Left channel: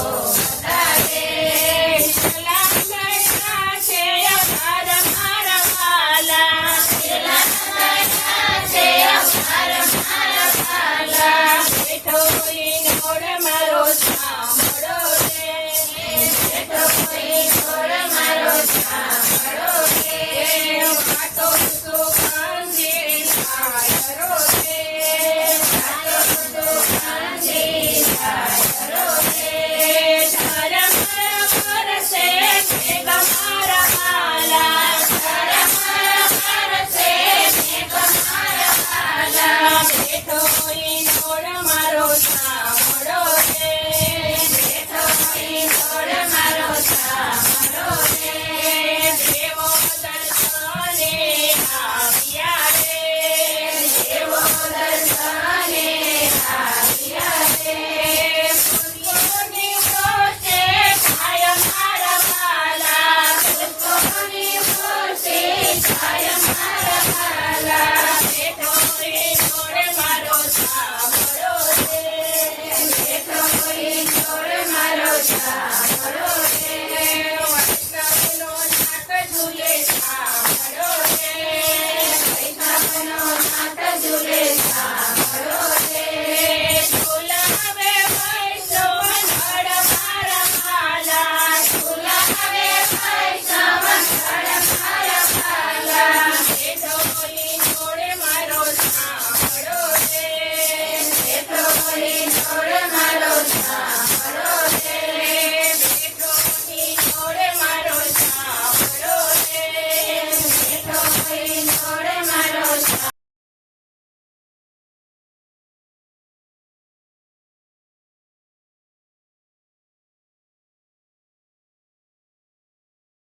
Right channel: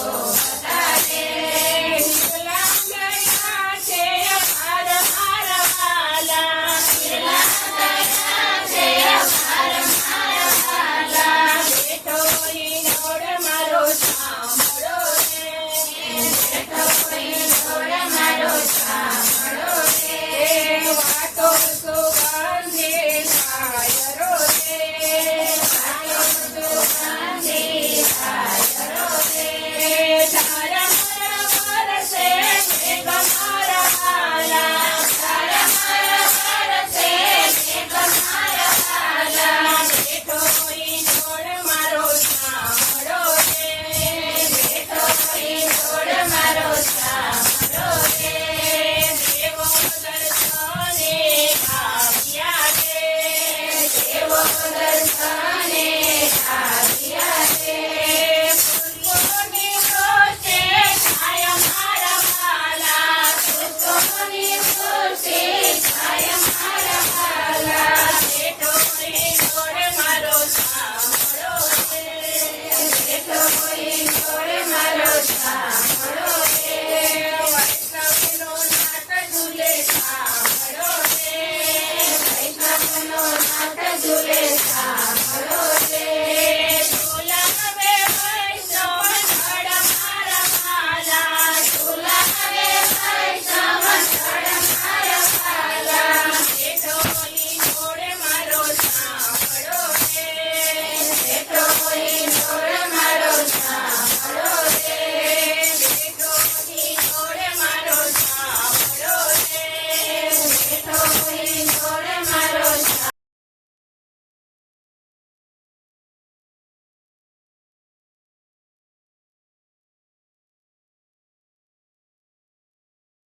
Oh.